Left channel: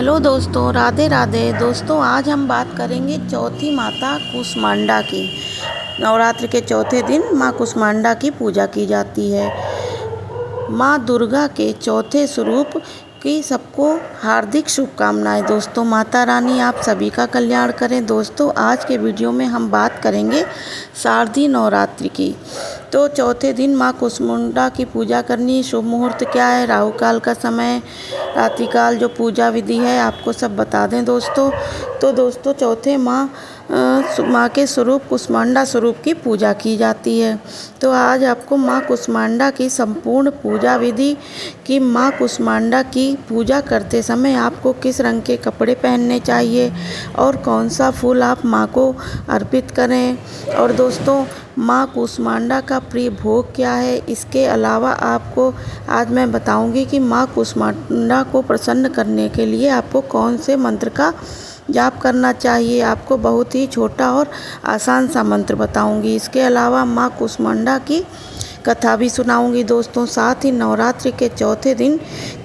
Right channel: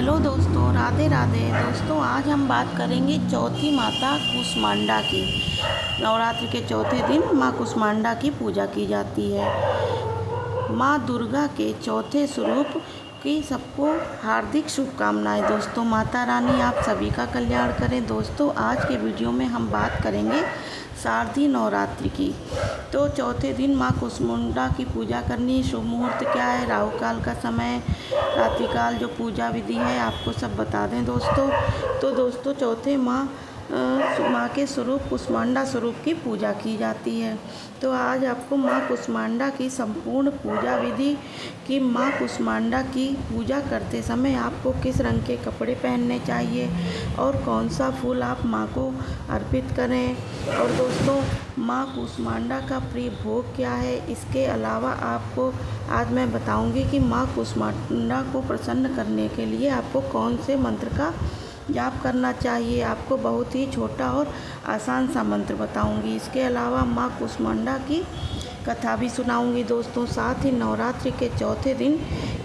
Hello दोस्तों, राधे राधे। दोस्तों, आज हम बात करेंगे चौथी माता कुष्मांडा की। नवरात्र के चौथे दिन माँ कुष्मांडा की पूजा की जाती है। माँ दुर्गा के चौथे स्वरूप की सबको हार्दिक शुभकामनाएं। दोस्तों, माता रानी आप सभी का कल्याण करें। दोस्तों, आज के वीडियो में हम बात करेंगे शारदीय नवरात्रि की। तो चौथे दिन माँ कुष्मांडा की पूजा करनी। शुभ मुहूर्त क्या है, राहु काल का समय, रात्रिकाल जो पूजा विधि है, आपको सब बता दें दोस्तों। तो दोस्तों, चौथे माँ के स्वरूप कुष्मांडा स्वरूप की पूजा की जाती है। तो आज आपको माँ कुष्मांडा की संपूर्ण पूजा विधि कि माँ कुष्मांडा की पूजा करते समय आपको किस रंग के कपड़े पहनने चाहिए और कौन सा फूल आप माँ को अर्पित करें। और दोस्तों, माँ कुष्मांडा का प्रिय भोग क्या है, इसके अलावा आपको आज मैं बताऊंगी कि माँ कुष्मांडा को प्रसन्न करने के लिए आपको कौन से मंत्र का जाप करना चाहिए। आपको बहुत ही छोटा और आसान सा मंत्र बताऊंगी। इसके अलावा माँ कुष्मांडा की कथा भी सुनाऊंगी दोस्तों। साथ ही नवरात्रि के चौथे दिन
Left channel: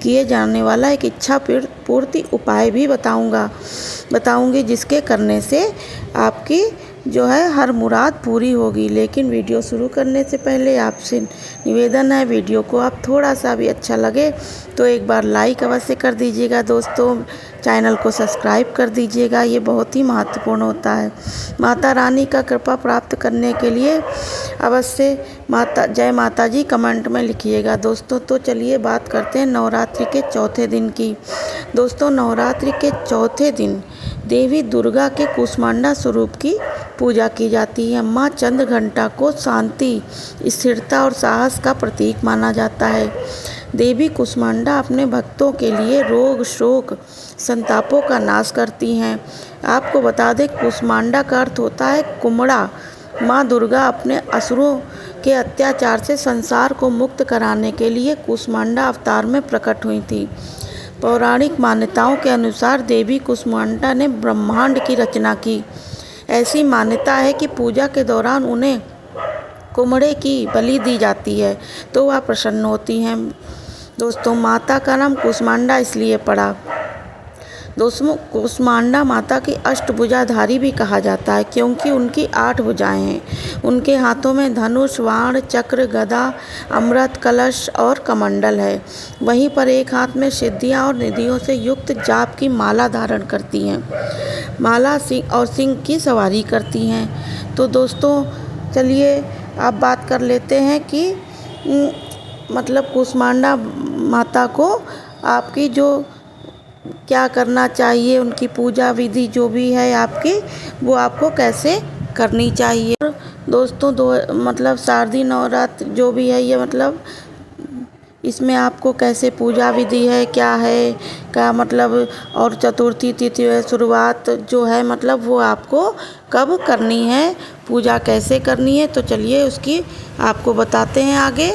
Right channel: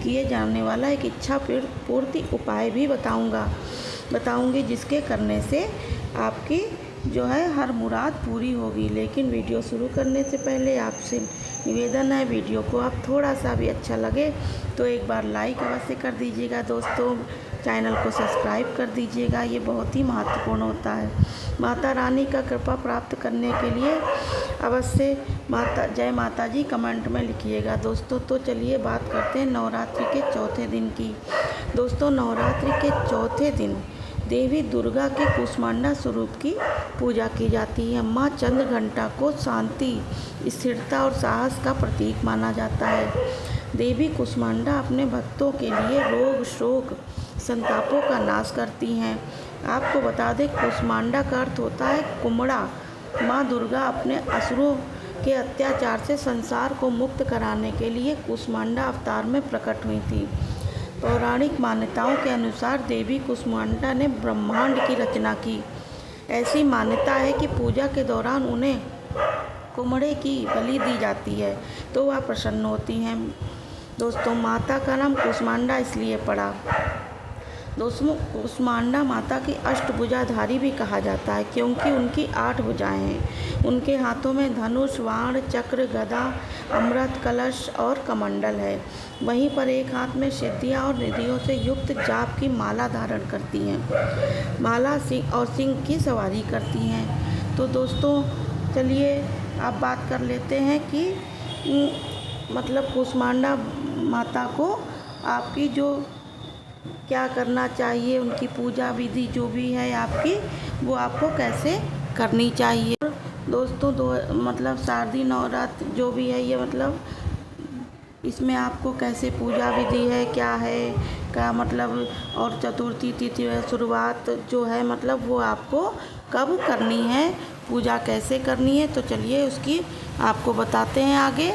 किए जाने वाला एक इच्छा पूर्ति उपाय भी बताऊंगी, जिसके करने से आपकी जो है हर मुराद पूरी होगी। लेकिन वीडियो शुरू करने से पहले आपसे निवेदन है, वीडियो को आप थोड़ा सा भी अच्छा लगे तो एक बार लाइक अवश्य कर दीजिएगा दोस्तों। चैनल को सब्सक्राइब कर दीजिएगा, ये बहुत ही महत्वपूर्ण होता है। माता रानी का कृपा प्राप्त करने के लिए अवश्य जय माता जी कमेंट में लिखिएगा दोस्तों। तो चलिए बात करते हैं नवरात्रि के चौथे दिन की। दोस्तों, नवरात्रि के चौथे दिन देवी दुर्गा के कुष्मांडा स्वरूप की पूजा की जाती है। माँ चंद्रघंटा को शांति, स्थिरता और साहस का प्रतीक माना जाता है। देवी कुष्मांडा अपने भक्तों के लिए रोग, शोक, संतापों का नाश करती हैं। आपको बता दें, कुष्मांडा का अर्थ होता है कुमड़ा। माँ दुर्गा अपने असुरों के अत्याचार से संसार को मुक्त कराने के लिए कुष्मांडा अवतार में प्रकट हुई थी। पौराणिक मान्यताओं के अनुसार देवी कुष्मांडा ने ब्रह्मांड की रचना की। ऐसी मान्यता है कि पूजा के दौरान उन्हें कुमड़े की बलि दी जाती है तो वह प्रसन्न होती हैं। दोस्तों, माता का नाम कुष्मांडा इसलिए पड़ा। दोस्तों, कुष्मांडा माता की अष्टभुजाधारी भी कहा जाता है क्योंकि उनकी 8 भुजाएं हैं। उनके हाथों में धनुष, बाण, चक्र, गदा, अमृत कलश और कमंडल है। वहीं पर एक हाथ में सिद्धियां और निधियों से युक्त जाप की माला धारण करती हैं। माला सिंह और सिंह की सवारी करती हैं। तो दोस्तों, चलिए अब बात कर लेते हैं कि मतलब कुष्मांडा माता को आपकी जो क्या करना चाहिए, उनकी पूजा विधि जो भी है आपकी, वो आपको कैसे करनी चाहिए। दोस्तों, मतलब शारदीय नवरात्र जो भी है ये मतलब इसमें आपको कैसे पूजा विधि है, क्या मतलब, और चतुर्थी तिथि शुरुआत जो है मतलब वो आपको कब करनी है, पूजा कैसे करनी है। तो चलिए उसकी आपको बताते हैं आगे।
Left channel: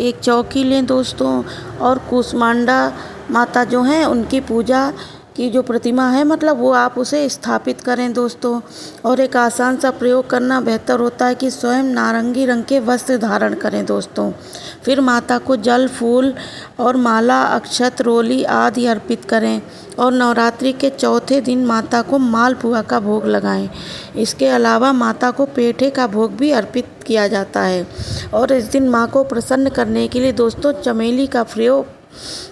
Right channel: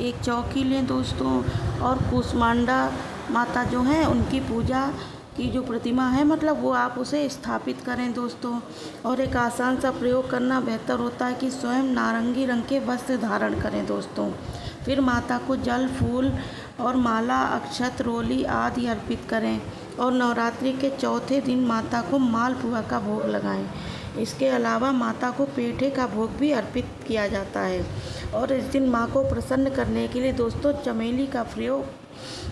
एक चौकी लें दोस्तों और कुष्मांडा माता जो हैं उनकी पूजा की जो प्रतिमा है मतलब वो आप उसे स्थापित करें दोस्तों। और एक आसान सा प्रयोग करना बेहतर होता है कि स्वयं नारंगी रंग के वस्त्र धारण करें दोस्तों। फिर माता को जल, फूल और माला, अक्षत, रोली आदि अर्पित करें। और नवरात्रि के चौथे दिन माता को मालपुआ का भोग लगाएं। इसके अलावा माता को पेठे का भोग भी अर्पित किया जाता है। और इस दिन माँ को प्रसन्न करने के लिए दोस्तों चमेली का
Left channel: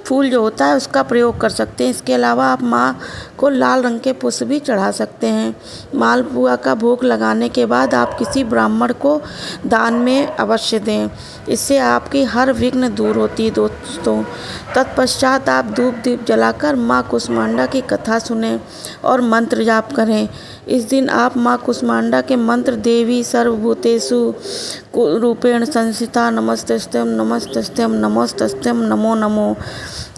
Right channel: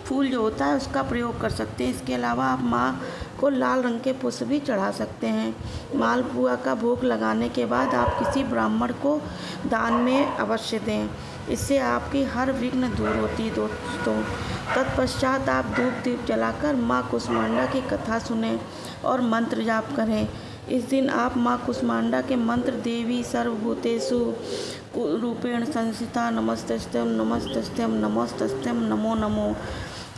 फूल जो होता है उसका प्रयोग कर सकते हैं। इसके अलावा आप माँ को लाल रंग के पुष्प भी चढ़ा सकते हैं। मालपुआ का भोग लगाने के बाद आप किसी ब्राह्मण को दान में अवश्य दें। इससे आपकी हर विघ्न दूर होती है दोस्तों। तत्पश्चात आप धूप दीप जलाकर माँ कुष्मांडा की कथा सुनें और मंत्र जाप करें। इस दिन आप माँ कुष्मांडा के मंत्र देवी सर्वभूतेषु रूपेण संस्थिता नमस्तस्त्यम नमस्तस्त्यम नमस्तस्त्यम नमो नमो,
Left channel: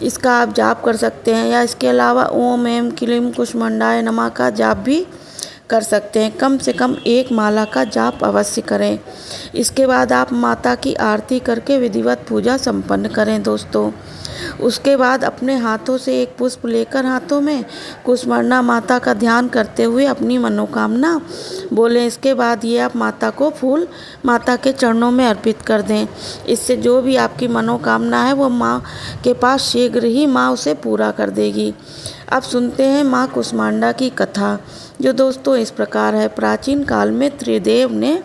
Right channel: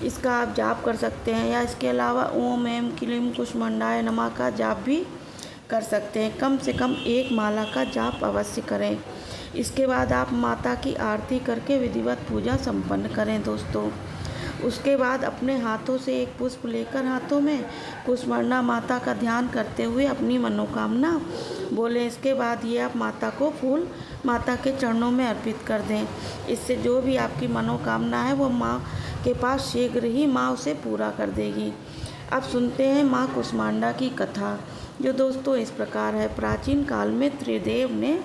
इसका आप जाप कर सकते हैं। या इसके अलावा ओम एम क्लीम कुष्मांडाय नमः का जाप भी कर सकते हैं। कम से कम एक माला का जाप अवश्य करें। इसके बाद आप माता की आरती करके विधिवत पूजा संपन्न करें दोस्तों। उसके बाद अपने हाथों से एक पुष्प लेकर हाथों में कुष्मांडा माता का ध्यान करते हुए अपनी मनोकामना बोलें। इसके बाद ये आप माता को फूल माता के चरणों में अर्पित कर दें। इससे जो भी आपकी मनोकामना है वो माँ के पास शीघ्र ही माँ उसे पूरा कर देगी। अब सुनते हैं माँ कुष्मांडा की कथा, जो दोस्तों इस प्रकार है। प्राचीन काल में त्रिदेव ने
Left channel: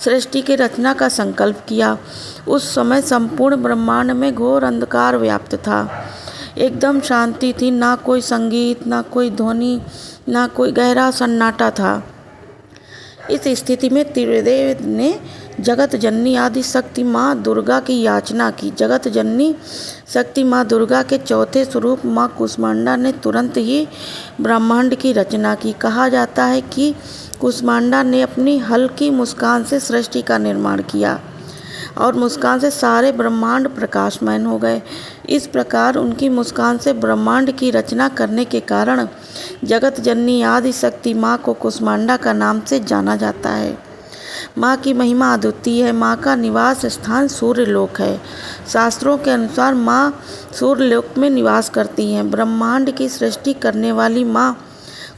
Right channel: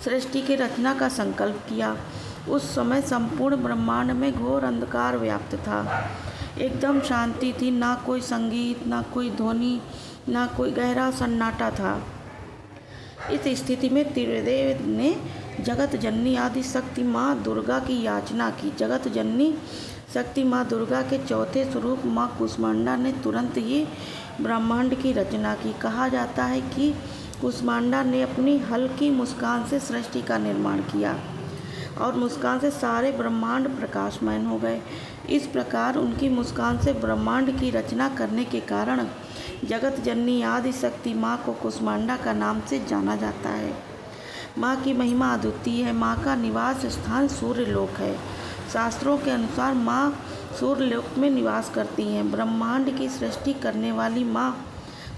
सृष्टि की रचना का संकल्प किया। उस समय संपूर्ण ब्रह्मांड में घोर अंधकार व्याप्त था। एकदम शांति थी, ना कोई संगीत, ना कोई ध्वनि, ना कोई गहरा सन्नाटा था। इस स्थिति में त्रिदेव ने जगत जननी आदि शक्ति माँ दुर्गा की याचना की। जगत जननी शक्ति माँ दुर्गा के चौथे स्वरूप माँ कुष्मांडा ने तुरंत ही ब्रह्मांड की रचना की। कहा जाता है कि कुष्मांडा ने अपनी हल्की मुस्कान से सृष्टि का निर्माण किया और मुस्कान से सारे ब्रह्मांड प्रकाशमान हो गए। इस प्रकार उनकी मुस्कान से ब्रह्मांड की रचना करने के कारण जगत जननी आदि शक्ति माँ को कुष्मांडा का नाम से जाना जाता है। माँ की महिमा अद्वितीय है। माँ का निवास स्थान सूर्यलोक है। शास्त्रों के अनुसार माँ सूर्यलोक में निवास करती हैं। ब्रह्मांड की सृष्टि करने वाली माँ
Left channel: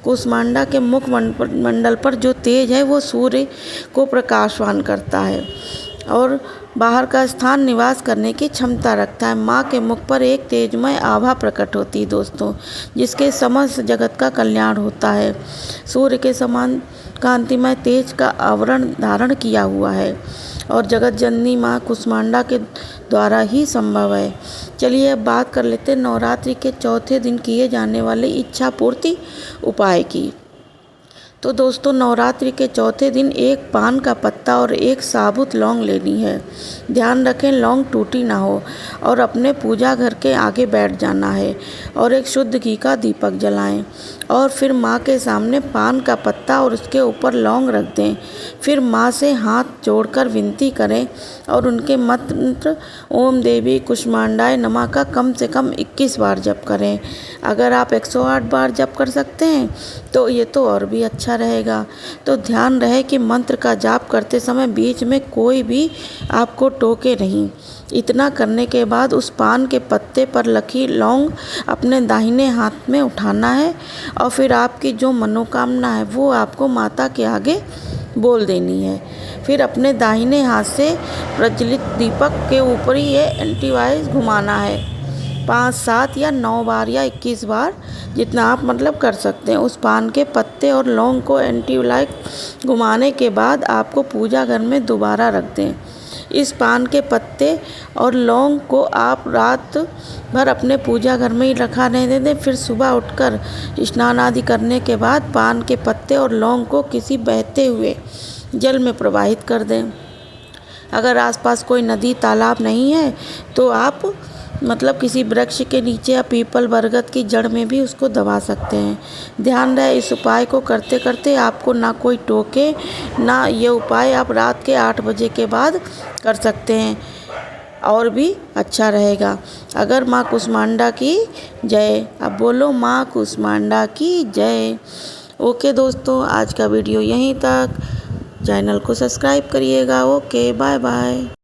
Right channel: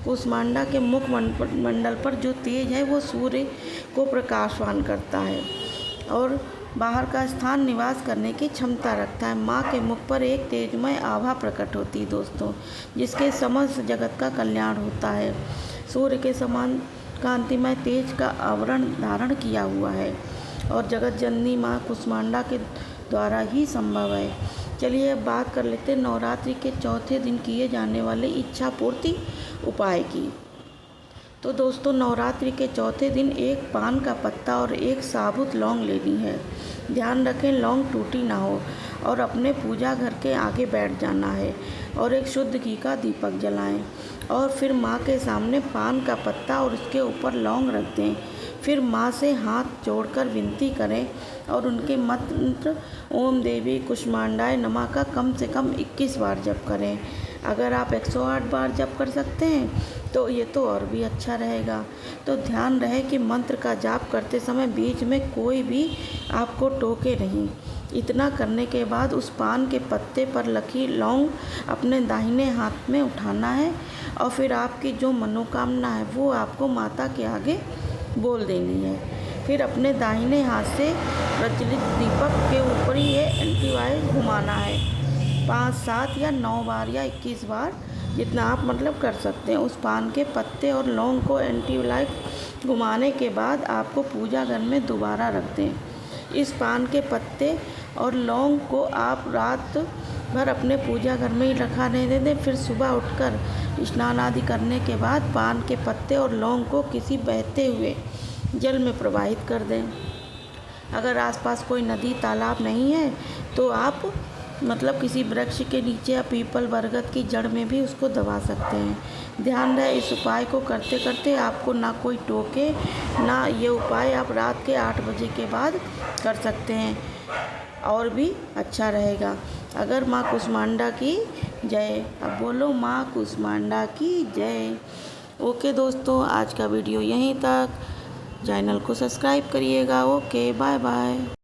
कुष्मांडा के मुख मंडल पर जो तेज है वो सूर्य को प्रकाशवान करता है और बाहर का स्थान निवास करने की क्षमता रखता है। माँ के मुख पर एक तेजमय आभा प्रकट होती है दोस्तों, जिसके समस्त जगत का कल्याण होता है। सूर्य के समान कांतिमय तेज का आवरण धारण किया हुआ है और जगत जननी माँ कुष्मांडा के द्वारा ही संभव है। चलिए अब बात कर लेते हैं नवरात्रि के चौथे दिन किए जाने वाले इच्छा पूर्ति उपाय की। तो दोस्तों नवरात्रि के चौथे दिन एक पान का पत्ता और एक साबुत लौंग लेनी है। ध्यान रखें लौंग टूटी ना हो और अपने पूजा घर के आगे बैठ जाना है और एक शुद्ध घी का दीपक जलाएं और फिर माँ के सामने पान का पत्ता और उसके ऊपर लौंग रख दें। फिर माँ से हाथ जोड़कर विनती करें और उनके मंत्र ओम देवी कुष्मांडाय नमः का कम से कम 21 बार जप करें। अगर आप 108 बार जप कर सकते हैं तो ये तो और भी अच्छा रहेगा। तो ध्यान रहे कि मंत्र का जाप करते समय बीच में कोई भी आपको टोके नहीं। इतना करने के बाद उस पान के पत्ते पर लगी लौंग अपने दाहिने हाथ में उठाना है और फिर आपकी जो मनोकामना है वो आपको माता के आगे बोल देनी है। फिर अपने दाहिने हाथ से प्रज्वलित दीपक के ऊपर ही ये एंटीवाइज घुमाना है 5, 7 या 9 बार या 21 बार, जितना आप मतलब कर सकते हैं। उस पान के पत्ते और लौंग को एंटीवाइज घुमाने के बाद आपको पूजा घर में दोबारा रख दें। इस पान के पत्ते और लौंग को आप रात भर अपने पूजा घर में ही रखा रहने दें। फिर सुबह उठकर स्नान आदि करने के बाद पान के पत्ते और लौंग को किसी बहते हुए जल में प्रवाहित कर दें। अगर आसपास कोई नदी तालाब नहीं है तो आप मतलब किसी वृक्ष के नीचे या पीपल बरगद की जड़ में भी उसको दबा सकते हैं। ध्यान रहे इस उपाय को करते करते आपको ना कोई टोके ना। ये उपाय आप रात के 8 बजे के बाद कर सकते हैं और भी अच्छा रहेगा। अगर माँ कुष्मांडा की जय। अब बोलो माँ कुष्मांडा की जय। ओके दोस्तों, आज का वीडियो यहीं तक। चैनल को सब्सक्राइब करिएगा। Okay, bye bye.